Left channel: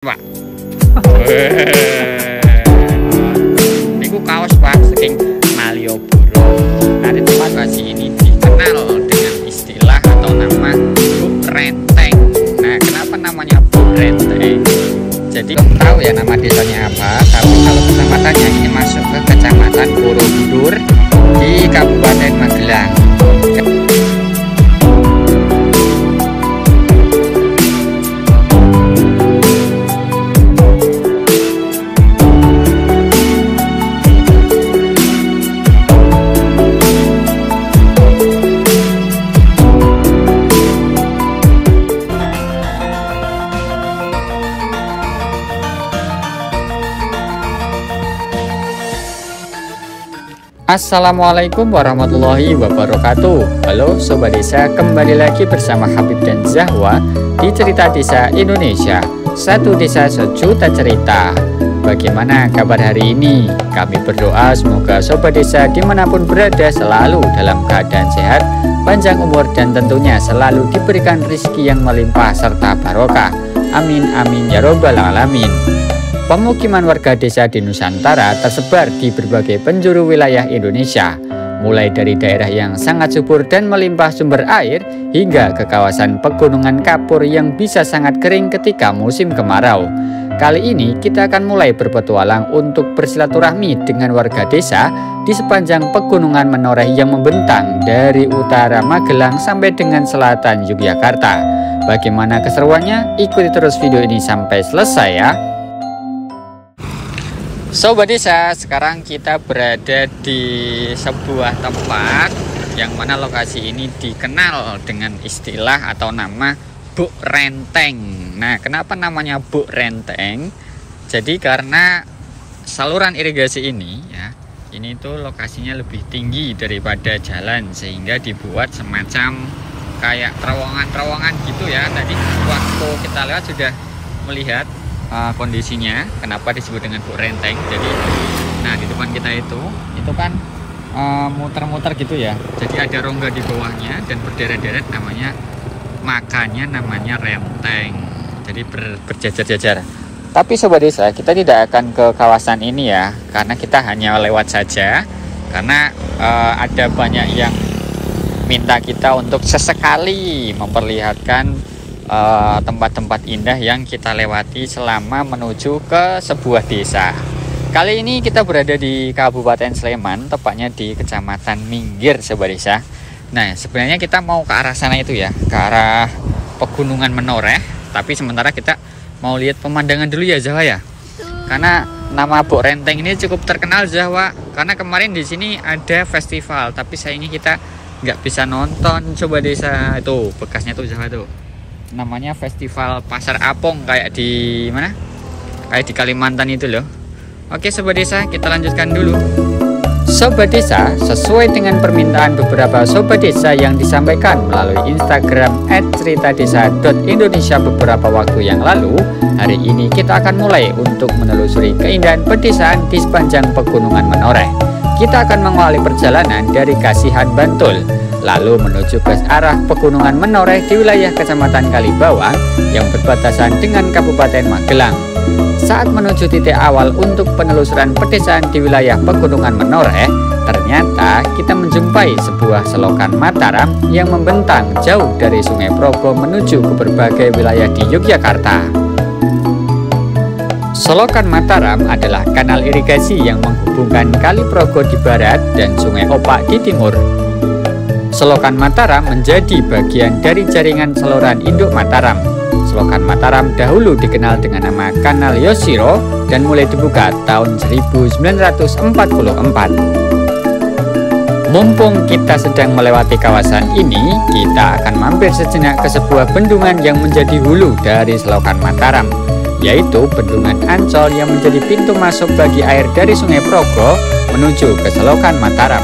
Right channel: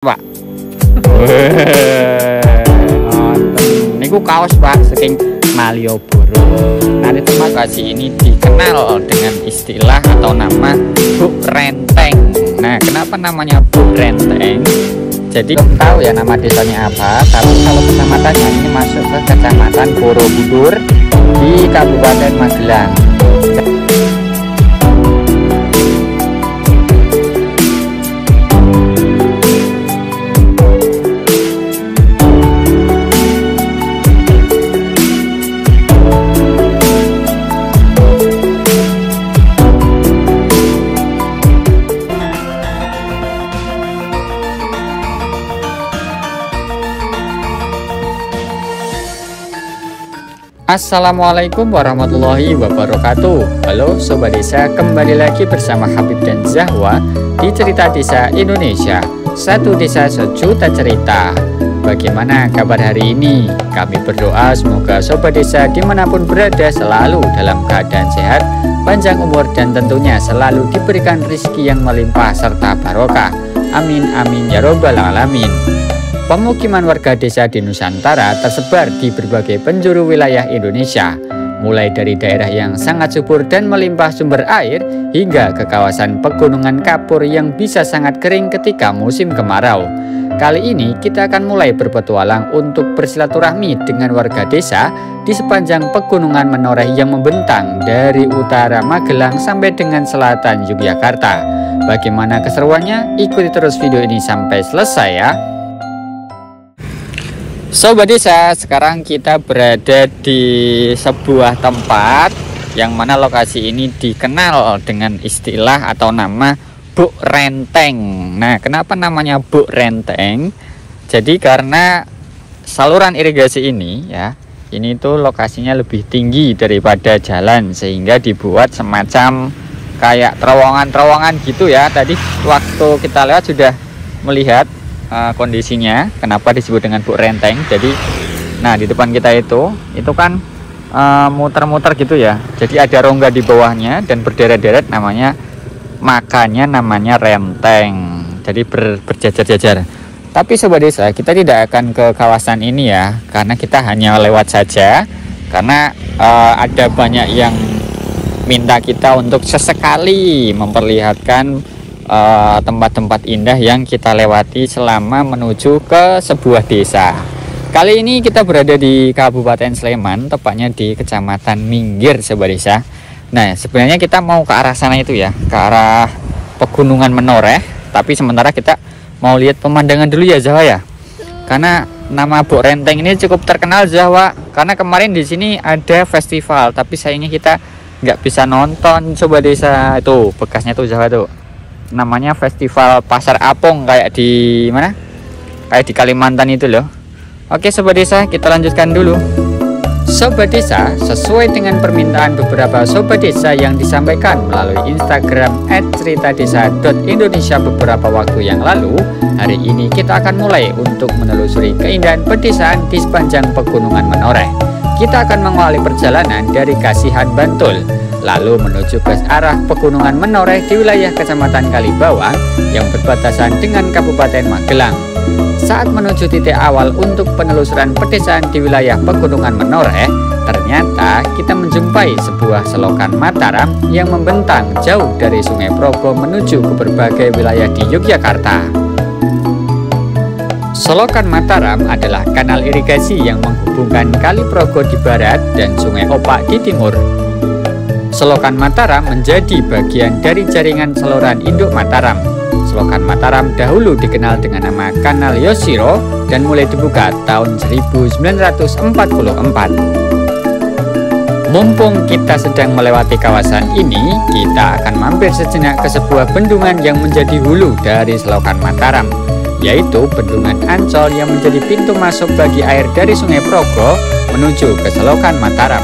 Pak. Niku kaos Pak saking Malioboro. Nanti lokasi ini dikenal dengan istilah atau nama Buk Renteng. Nah, kenapa namanya Buk Renteng? Jadi belum tahu ya nama desanya apa, tapi kalau kecamatannya ini masuk ke Kecamatan Borobudur di Kabupaten Magelang. Assalamualaikum warahmatullahi wabarakatuh. Halo Sobat Desa, kembali lagi bersama Habib dan Zahwa di Cerita Desa Indonesia. Satu desa sejuta cerita. Bagaimana kabar hari ini? Kami berdoa semoga Sobat Desa dimanapun berada selalu dalam keadaan sehat, panjang umur, dan tentunya selalu diberikan rezeki yang melimpah serta barokah. Amin amin ya robbal alamin. Pemukiman warga desa di Nusantara tersebar di berbagai penjuru wilayah Indonesia, mulai dari daerah yang sangat subur dan melimpah sumber air hingga ke kawasan pegunungan kapur yang bisa sangat kering ketika musim kemarau. Kali ini kita akan mulai berpetualang untuk bersilaturahmi dengan warga desa di sepanjang pegunungan Menoreh yang membentang dari utara Magelang sampai dengan selatan Yogyakarta. Bagaimana keseruannya? Ikuti terus video ini sampai selesai ya. Sobat Desa, sekarang kita berada di sebuah tempat yang mana lokasi ini dikenal dengan istilah atau nama Buk Renteng. Nah, kenapa namanya Buk Renteng? Jadi karena saluran irigasi ini ya, ini tuh lokasinya lebih tinggi daripada jalan sehingga dibuat semacam kayak terowongan-terowongan gitu ya. Tadi waktu kita lewat sudah melihat kondisinya, kenapa disebut dengan Buk Renteng. Jadi nah di depan kita itu kan muter-muter gitu ya, jadi ada rongga di bawahnya dan berderet-deret, makanya namanya renteng, jadi berjajar-jajar. Tapi Sobat Desa, kita tidak akan ke kawasan ini ya, karena kita hanya lewat saja, karena ada banyak yang minta kita untuk sesekali memperlihatkan tempat-tempat indah yang kita lewati selama menuju ke sebuah desa. Kali ini kita berada di Kabupaten Sleman, tepatnya di Kecamatan Minggir, Sobat Desa. Nah, sebenarnya kita mau ke arah sana itu ya, ke arah Pegunungan Menoreh, tapi sementara kita mau lihat pemandangan dulu ya, Zahwa ya. Karena nama Buk Renteng ini cukup terkenal, Zahwa, karena kemarin di sini ada festival, tapi sayangnya kita nggak bisa nonton, Sobat Desa. Itu bekasnya tuh, Zahwa tuh. Namanya Festival Pasar Apung, kayak di mana? Kayak di Kalimantan itu loh. Oke Sobat Desa, kita lanjutkan dulu. Sobat Desa, sesuai dengan permintaan beberapa Sobat Desa yang disampaikan melalui Instagram @ceritadesa.indonesia beberapa waktu yang lalu, hari ini kita akan mulai untuk menelusuri keindahan pedesaan di sepanjang Pegunungan Menoreh. Kita akan mengawali perjalanan dari Kasihan, Bantul, lalu menuju ke arah Pegunungan Menoreh di wilayah Kecamatan Kalibawang yang berbatasan dengan Kabupaten Magelang. Saat menuju titik awal untuk penelusuran pedesaan di wilayah Pegunungan Menoreh, ternyata kita menjumpai sebuah selokan Mataram yang membentang jauh dari Sungai Progo menuju ke berbagai wilayah di Yogyakarta. Selokan Mataram adalah kanal irigasi yang menghubungkan Kali Progo di barat dan Sungai Opak di timur. Selokan Mataram menjadi bagian dari jaringan saluran induk Mataram. Selokan Mataram dahulu dikenal dengan nama Kanal Yoshiro dan mulai dibuka tahun 1944. Mumpung kita sedang melewati kawasan ini, kita akan mampir sejenak ke sebuah bendungan yang menjadi hulu dari Selokan Mataram, yaitu Bendungan Ancol yang menjadi pintu masuk bagi air dari Sungai Progo menuju ke Selokan Mataram.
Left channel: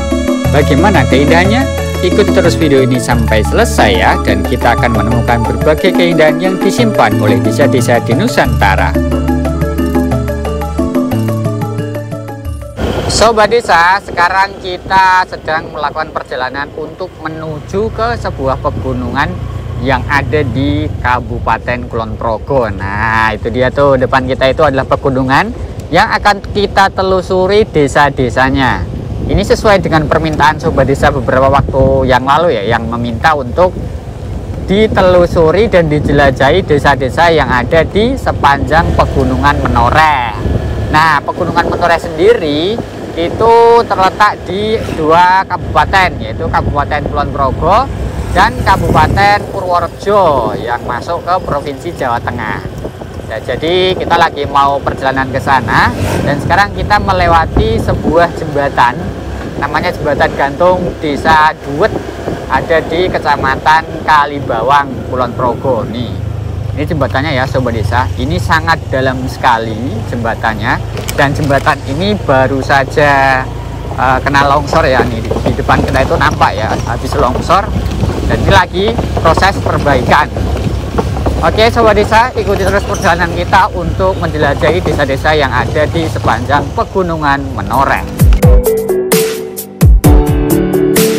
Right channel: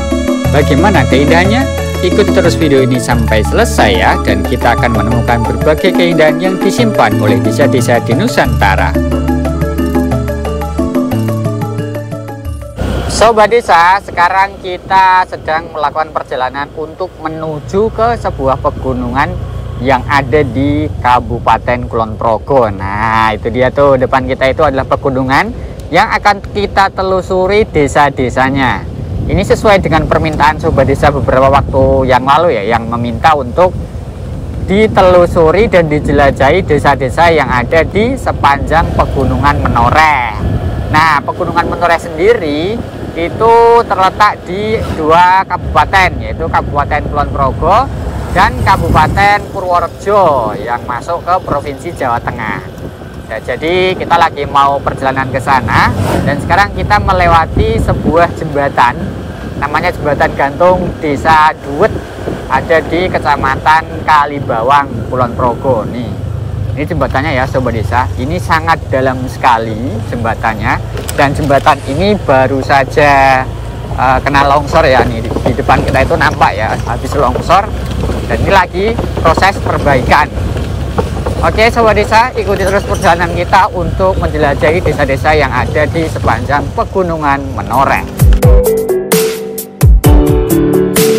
Bagaimana keindahannya? Ikuti terus video ini sampai selesai ya, dan kita akan menemukan berbagai keindahan yang disimpan oleh desa-desa di Nusantara. Sobat Desa, sekarang kita sedang melakukan perjalanan untuk menuju ke sebuah pegunungan yang ada di Kabupaten Kulon Progo. Nah, itu dia tuh, depan kita itu adalah pegunungan yang akan kita telusuri desa-desanya. Ini sesuai dengan permintaan Sobat Desa beberapa waktu yang lalu ya, yang meminta untuk ditelusuri dan dijelajahi desa-desa yang ada di sepanjang Pegunungan Menoreh. Nah, Pegunungan Menoreh sendiri itu terletak di 2 kabupaten, yaitu Kabupaten Kulon Progo dan Kabupaten Purworejo yang masuk ke Provinsi Jawa Tengah. Nah, jadi kita lagi mau perjalanan ke sana dan sekarang kita melewati sebuah jembatan, namanya Jembatan Gantung Desa Duet, ada di Kecamatan Kalibawang, Kulon Progo. Nih, ini jembatannya ya Sobat Desa, ini sangat dalam sekali jembatannya, dan jembatan ini baru saja kena longsor ya. Nih di depan kita itu nampak ya, habis longsor, dan ini lagi proses perbaikan. Oke Sobat Desa, ikuti terus perjalanan kita untuk menjelajahi desa-desa yang ada di sepanjang Pegunungan Menoreh.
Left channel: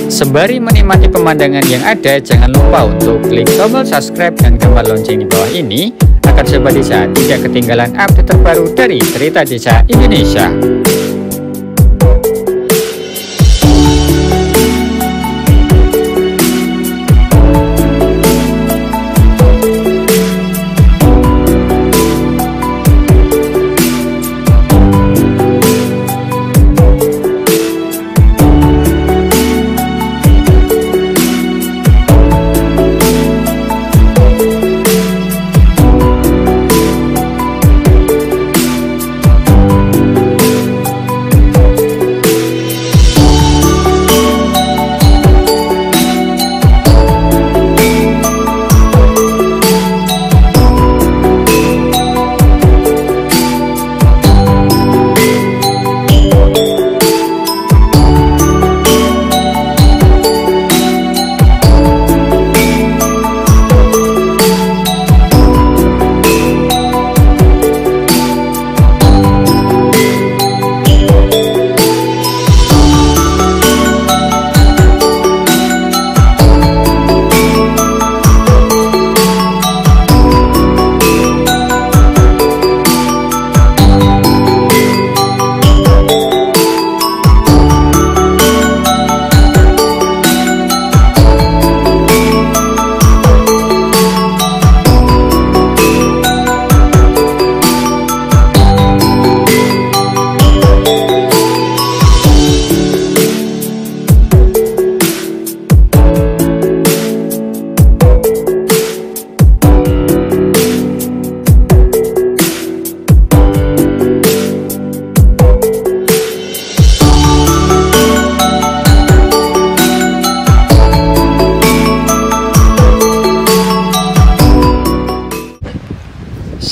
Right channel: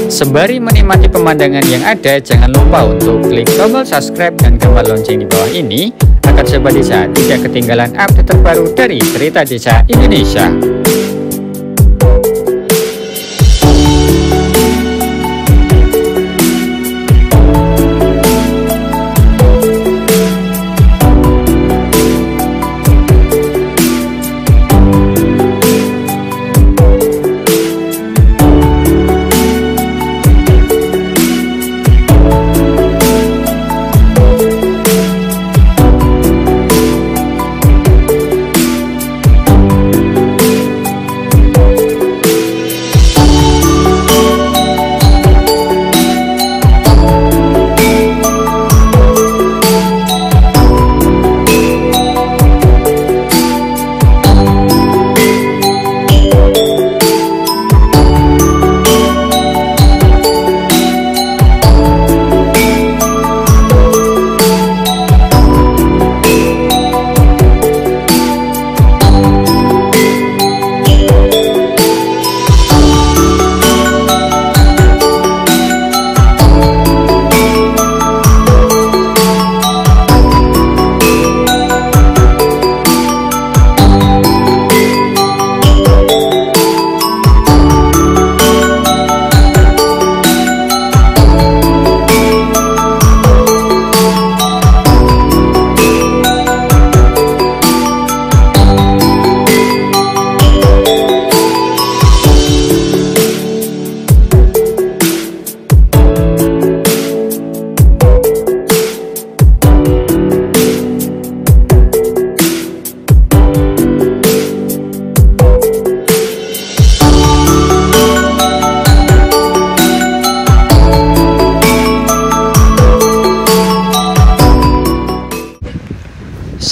Sembari menikmati pemandangan yang ada, jangan lupa untuk klik tombol subscribe dan gambar lonceng di bawah ini agar Sobat Desa tidak ketinggalan update terbaru dari Cerita Desa Indonesia.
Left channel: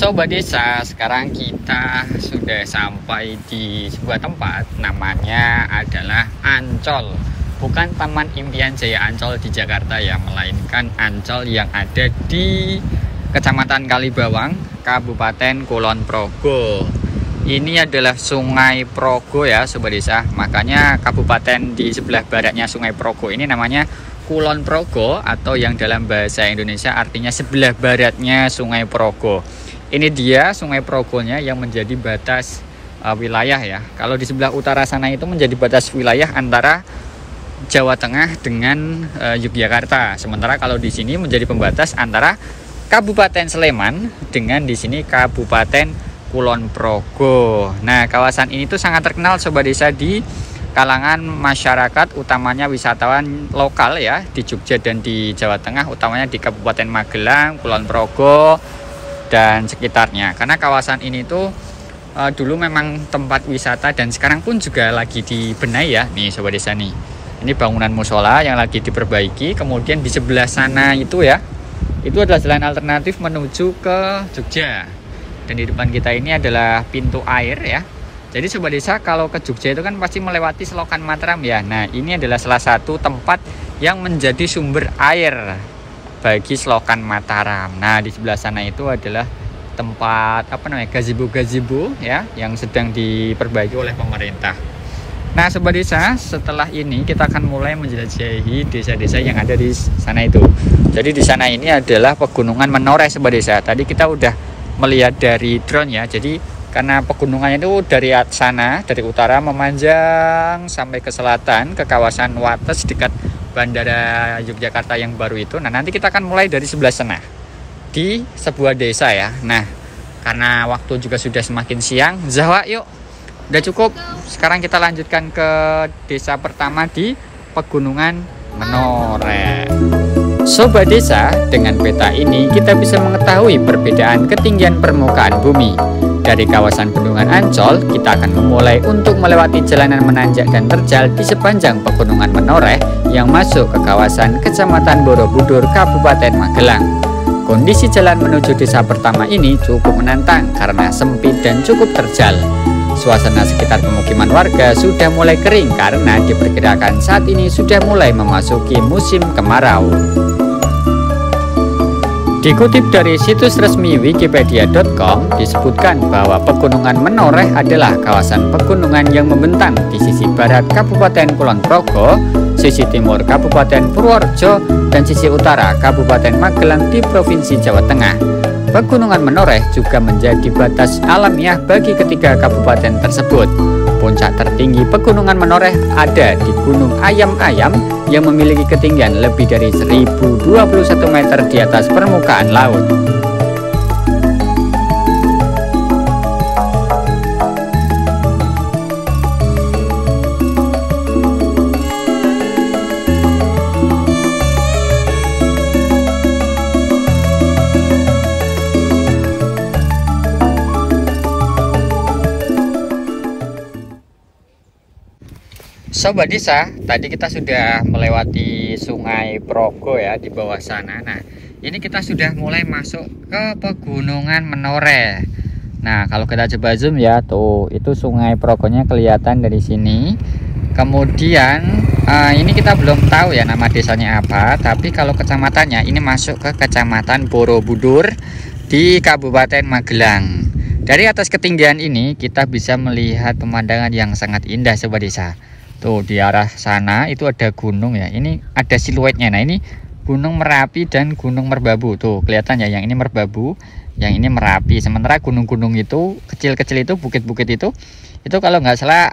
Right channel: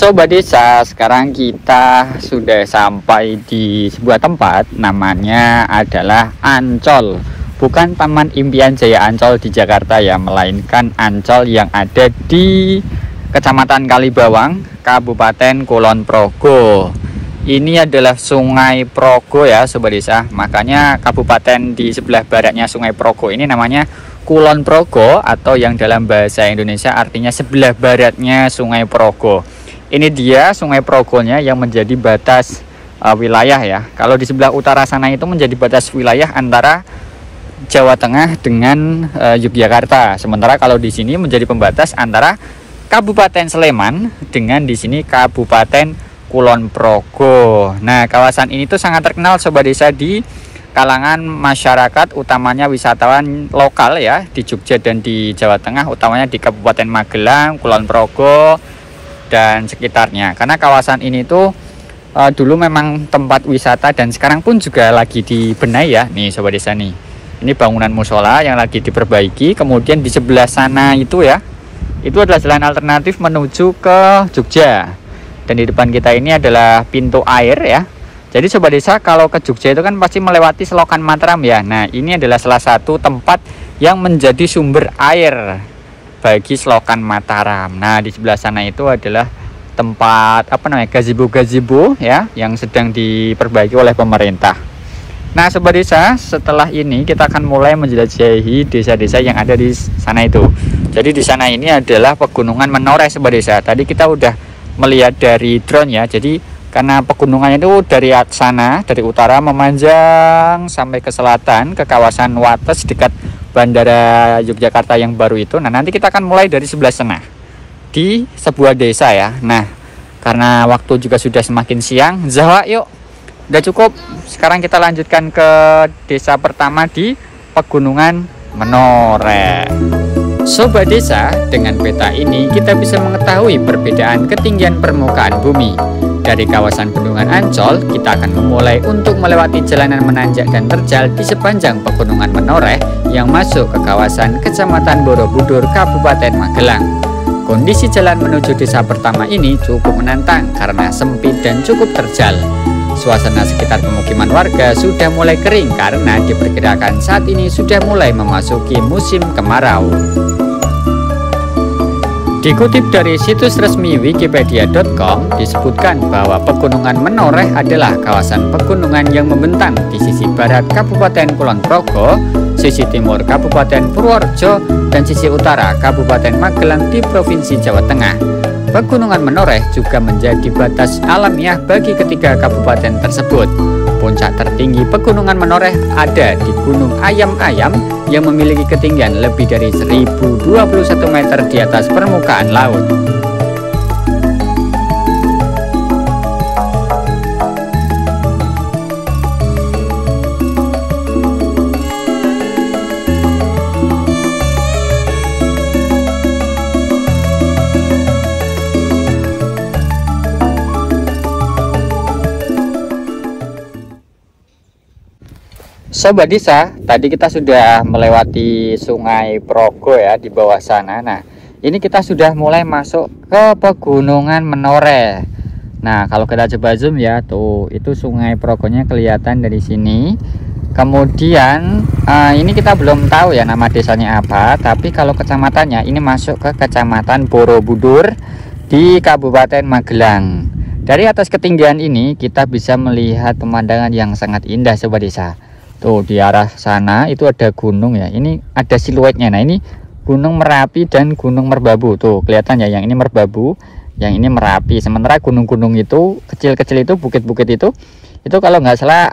Sobat Desa, sekarang kita sudah sampai di sebuah tempat, namanya adalah Ancol. Bukan Taman Impian Jaya Ancol di Jakarta ya, melainkan Ancol yang ada di Kecamatan Kalibawang, Kabupaten Kulon Progo. Ini adalah Sungai Progo ya Sobat Desa, makanya kabupaten di sebelah baratnya Sungai Progo ini namanya Kulon Progo, atau yang dalam bahasa Indonesia artinya sebelah baratnya Sungai Progo. Ini dia Sungai Progonya yang menjadi batas wilayah ya. Kalau di sebelah utara sana itu menjadi batas wilayah antara Jawa Tengah dengan Yogyakarta. Sementara kalau di sini menjadi pembatas antara Kabupaten Sleman dengan di sini Kabupaten Kulon Progo. Nah, kawasan ini tuh sangat terkenal Sobat Desa di kalangan masyarakat, utamanya wisatawan lokal ya, di Jogja dan di Jawa Tengah, utamanya di Kabupaten Magelang, Kulon Progo dan sekitarnya. Karena kawasan ini tuh dulu memang tempat wisata dan sekarang pun juga lagi dibenahi ya. Nih Sobat Desa nih, ini bangunan musola yang lagi diperbaiki. Kemudian di sebelah sana itu ya, itu adalah jalan alternatif menuju ke Jogja. Dan di depan kita ini adalah pintu air ya. Jadi Sobat Desa, kalau ke Jogja itu kan pasti melewati Selokan Mataram ya. Nah, ini adalah salah satu tempat yang menjadi sumber air bagi Selokan Mataram. Nah, di sebelah sana itu adalah tempat gazebo ya, yang sedang diperbaiki oleh pemerintah. Nah Sobat Desa, setelah ini kita akan mulai menjelajahi desa-desa yang ada di sana itu. Jadi di sana ini adalah pegunungan Menoreh Sobat Desa. Tadi kita udah melihat dari drone ya. Jadi karena pegunungannya itu dari sana, dari utara memanjang sampai ke selatan, ke kawasan Wates dekat Bandara Yogyakarta yang baru itu. Nah nanti kita akan mulai dari sebelah sana, di sebuah desa ya. Nah karena waktu juga sudah semakin siang, Zawa yuk. Udah cukup, sekarang kita lanjutkan ke desa pertama di Pegunungan Menoreh. Sobat Desa, dengan peta ini kita bisa mengetahui perbedaan ketinggian permukaan bumi. Dari kawasan Bendungan Ancol, kita akan memulai untuk melewati jalanan menanjak dan terjal di sepanjang Pegunungan Menoreh yang masuk ke kawasan Kecamatan Borobudur, Kabupaten Magelang. Kondisi jalan menuju desa pertama ini cukup menantang karena sempit dan cukup terjal. Suasana sekitar pemukiman warga sudah mulai kering karena diperkirakan saat ini sudah mulai memasuki musim kemarau. Dikutip dari situs resmi wikipedia.com disebutkan bahwa Pegunungan Menoreh adalah kawasan pegunungan yang membentang di sisi barat Kabupaten Kulon Progo, sisi timur Kabupaten Purworejo, dan sisi utara Kabupaten Magelang di Provinsi Jawa Tengah. Pegunungan Menoreh juga menjadi batas alamiah bagi ketiga kabupaten tersebut. Puncak tertinggi Pegunungan Menoreh ada di Gunung Ayam-Ayam yang memiliki ketinggian lebih dari 1021 meter di atas permukaan laut. Sobat Desa, tadi kita sudah melewati Sungai Progo ya di bawah sana. Nah, ini kita sudah mulai masuk ke Pegunungan Menoreh. Nah, kalau kita coba zoom ya, tuh itu Sungai Progonya kelihatan dari sini. Kemudian ini kita belum tahu ya nama desanya apa, tapi kalau kecamatannya ini masuk ke Kecamatan Borobudur di Kabupaten Magelang. Dari atas ketinggian ini kita bisa melihat pemandangan yang sangat indah Sobat Desa. Tuh di arah sana itu ada gunung ya, ini ada siluetnya. Nah ini Gunung Merapi dan Gunung Merbabu. Tuh kelihatan ya, yang ini Merbabu, yang ini Merapi. Sementara gunung-gunung itu kecil-kecil itu, bukit-bukit itu kalau nggak salah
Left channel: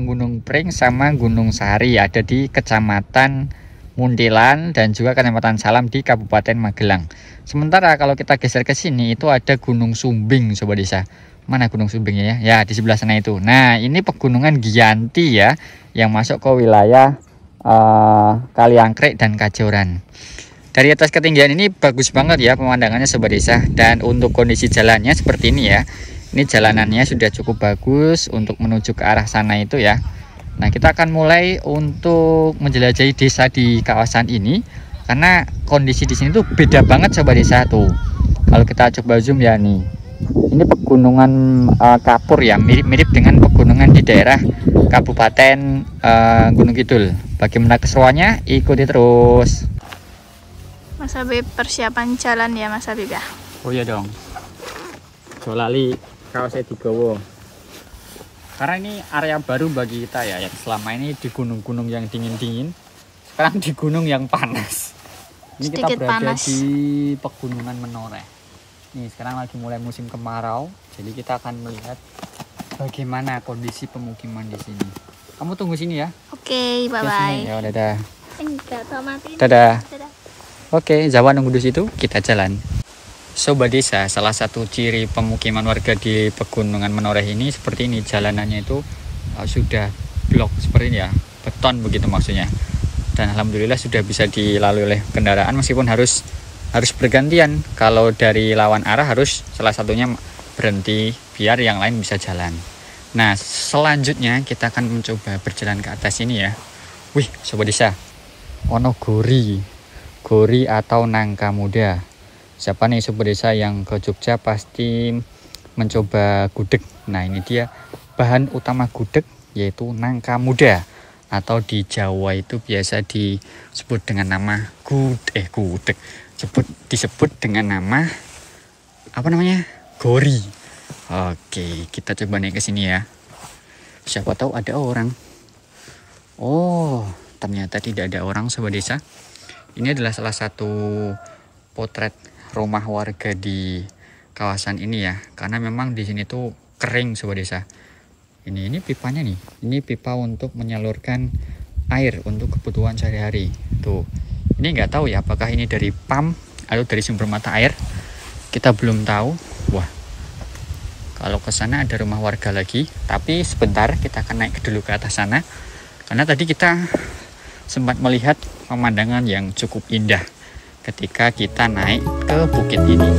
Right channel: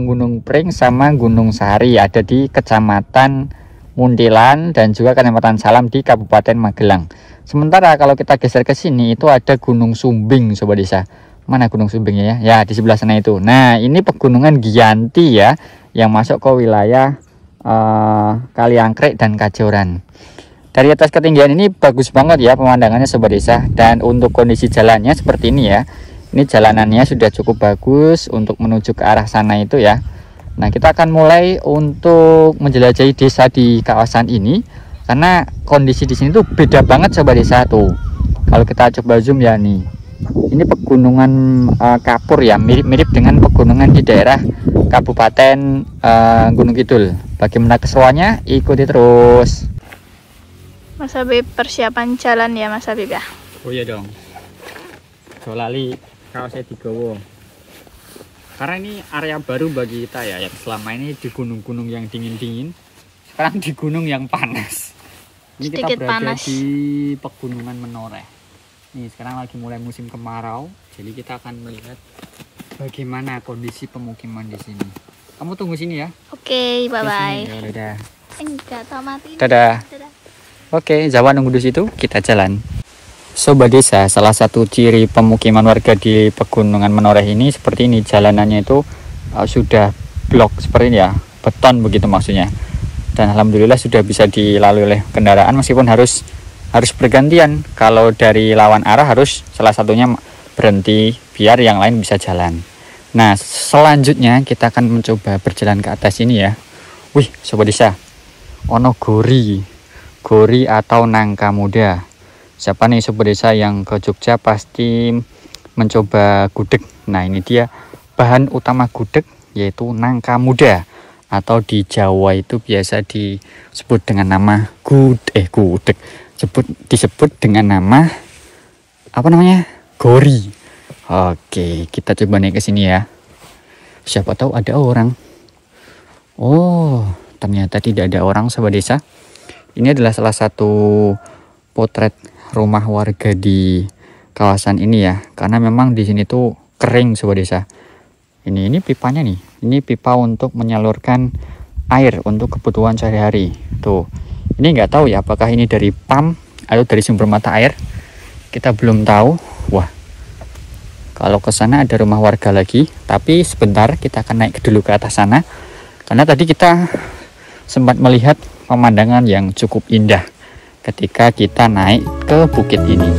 Gunung Pring sama Gunung Sari ada di Kecamatan Muntilan dan juga Kecamatan Salam di Kabupaten Magelang. Sementara kalau kita geser ke sini itu ada Gunung Sumbing Sobat Desa. Mana Gunung Sumbingnya ya? Ya di sebelah sana itu. Nah ini Pegunungan Giyanti ya, yang masuk ke wilayah Kaliangkrek dan Kajoran. Dari atas ketinggian ini bagus banget ya pemandangannya Sobat Desa. Dan untuk kondisi jalannya seperti ini ya. Ini jalanannya sudah cukup bagus untuk menuju ke arah sana itu ya. Nah kita akan mulai untuk menjelajahi desa di kawasan ini, karena kondisi di sini tuh beda banget Sobat Desa tuh. Kalau kita coba zoom ya nih. Ini pegunungan kapur ya, mirip-mirip dengan pegunungan di daerah Kabupaten Gunung Kidul. Bagaimana keseruannya? Ikuti terus. Mas Habib, persiapan jalan ya Mas Habib ya? Oh iya dong. Jolali kalau saya digowo. Karena ini area baru bagi kita ya, yang selama ini di gunung-gunung yang dingin-dingin, sekarang di gunung yang panas. Ini sedikit kita berada panas di Pegunungan Menoreh. Nih sekarang lagi mulai musim kemarau, jadi kita akan melihat bagaimana kondisi pemukiman di sini. Kamu tunggu sini ya. Oke, bye bye. Ya, dadah. Dadah. Oke, Zawa nunggu di situ, kita jalan. Sobat Desa, salah satu ciri pemukiman warga di Pegunungan Menoreh ini seperti ini, jalanannya itu sudah blok seperti ini ya, beton begitu maksudnya. Dan alhamdulillah sudah bisa dilalui oleh kendaraan meskipun harus bergantian. Kalau dari lawan arah harus salah satunya berhenti biar yang lain bisa jalan. Nah selanjutnya kita akan mencoba berjalan ke atas ini ya. Wih Sobat Desa, ono gori atau nangka muda. Siapa nih Sobat Desa yang ke Jogja pasti mencoba gudeg. Nah ini dia bahan utama gudeg, yaitu nangka muda, atau di Jawa itu biasa disebut dengan nama gudeg. Disebut dengan nama apa namanya? Gori. Oke, kita coba naik ke sini ya. Siapa tahu ada orang. Oh, ternyata tidak ada orang sobat desa. Ini adalah salah satu potret rumah warga di kawasan ini ya, karena memang di sini tuh kering sobat desa. Ini pipanya nih, ini pipa untuk menyalurkan air untuk kebutuhan sehari-hari. Tuh, ini nggak tahu ya apakah ini dari pump atau dari sumber mata air. Kita belum tahu. Wah, kalau ke sana ada rumah warga lagi, tapi sebentar kita akan naik dulu ke atas sana, karena tadi kita sempat melihat pemandangan yang cukup indah ketika kita naik ke bukit ini.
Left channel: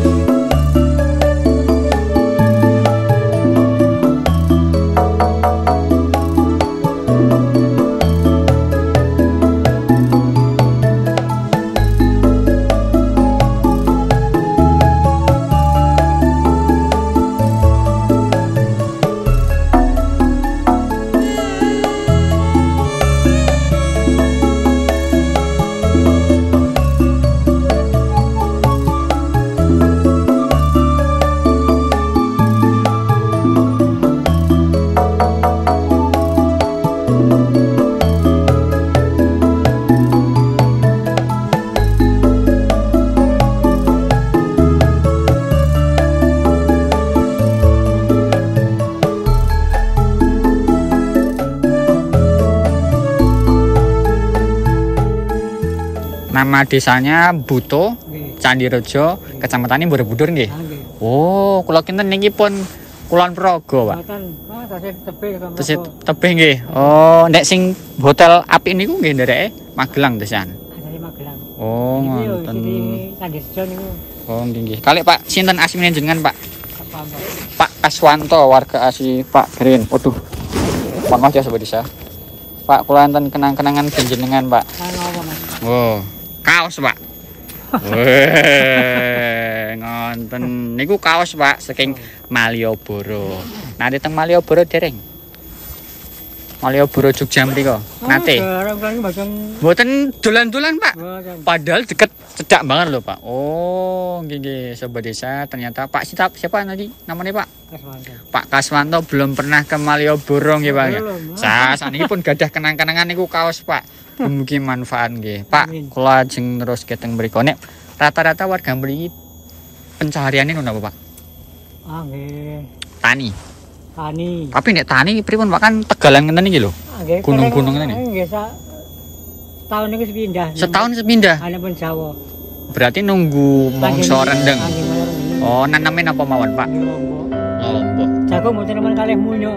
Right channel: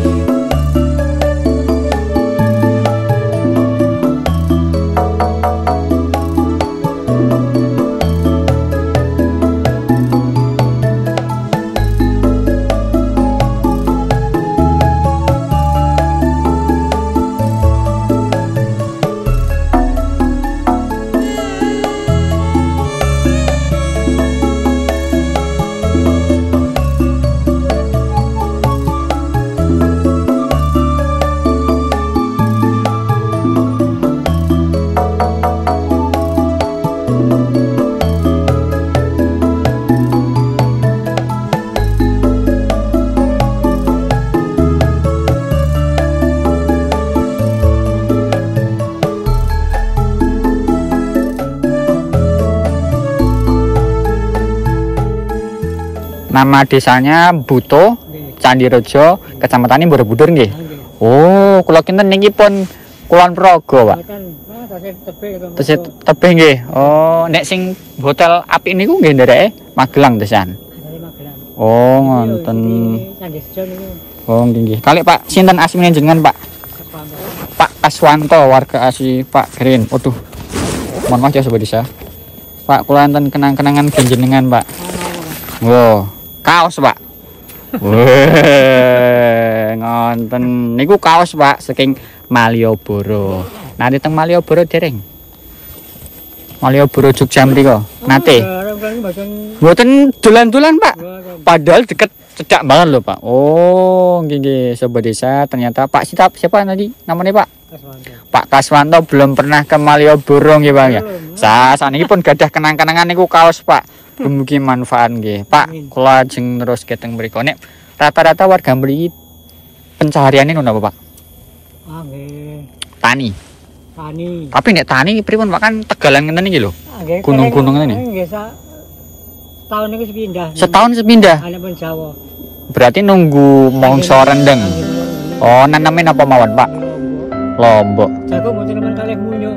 Nama desanya Buto, Candirejo, Kecamatan Borobudur nggih. Oh, kula kinten niki pun Kulon Progo, Pak. Tasih tebih nggih. Oh, nek sing hotel apik niku nggih ndereke Magelang desan. Oh, ngoten. Candirejo niku. Oh, nggih. Kali Pak, sinten asline jenengan, Pak? Pak Kaswanto, warga asli Pak Green. Waduh. Mangga ya sobat desa. Pak, kula enten kenang-kenangan panjenengan, Pak. Wow. Kaos Pak. Weh, ngonten niku kaos Pak saking Malioboro. Nanti teng Malioboro dereng. Malioboro Jogja mriko. Nate. Mboten dolan-dolan Pak. Padahal deket cedak banget loh Pak. Oh, nggih sobat desa, ternyata Pak siapa tadi namanya Pak? Kaswanto. Pak Kaswanto belum pernah ke Malioboro nggih Pak ya. Saniki pun gadah kenang-kenangan niku kaos Pak. Mugi manfaat nggih. Pak, kula ajeng terus keteng mriko. Nek rata-rata warga mriki pencahariane ngono apa, Pak? Ah, nggih. Tani. Tani. Tapi nek tani pripun Pak, kan Tegalan ngenten iki lho. Gunung-gunung ngene. Nggih, tahun niku sepindah. Setahun sepindah. Ana pun Jawa. Berarti nunggu mangsa rendeng. Oh, naname napa mawon, Pak? Lombok. Jago mboten nemen kalih munyo.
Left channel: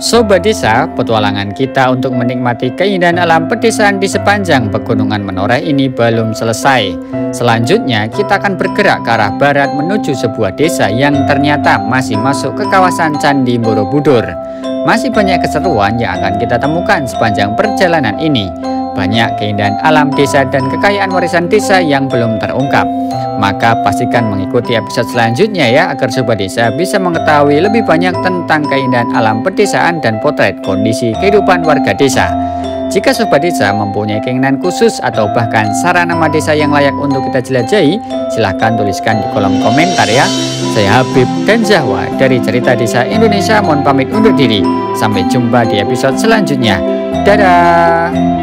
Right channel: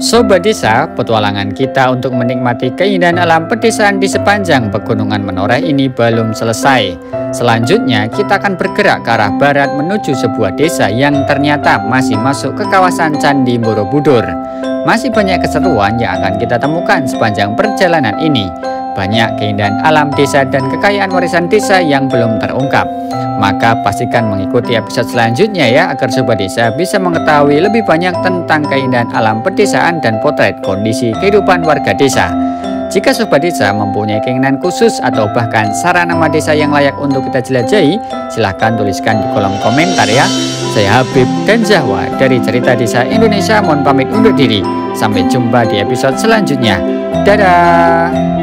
Sobat desa, petualangan kita untuk menikmati keindahan alam pedesaan di sepanjang pegunungan Menoreh ini belum selesai. Selanjutnya, kita akan bergerak ke arah barat menuju sebuah desa yang ternyata masih masuk ke kawasan Candi Borobudur. Masih banyak keseruan yang akan kita temukan sepanjang perjalanan ini. Banyak keindahan alam desa dan kekayaan warisan desa yang belum terungkap. Maka pastikan mengikuti episode selanjutnya ya, agar sobat desa bisa mengetahui lebih banyak tentang keindahan alam pedesaan dan potret kondisi kehidupan warga desa. Jika sobat desa mempunyai keinginan khusus atau bahkan saran nama desa yang layak untuk kita jelajahi, silahkan tuliskan di kolom komentar ya. Saya Habib dan Zahwa dari Cerita Desa Indonesia mohon pamit undur diri. Sampai jumpa di episode selanjutnya. Dadah.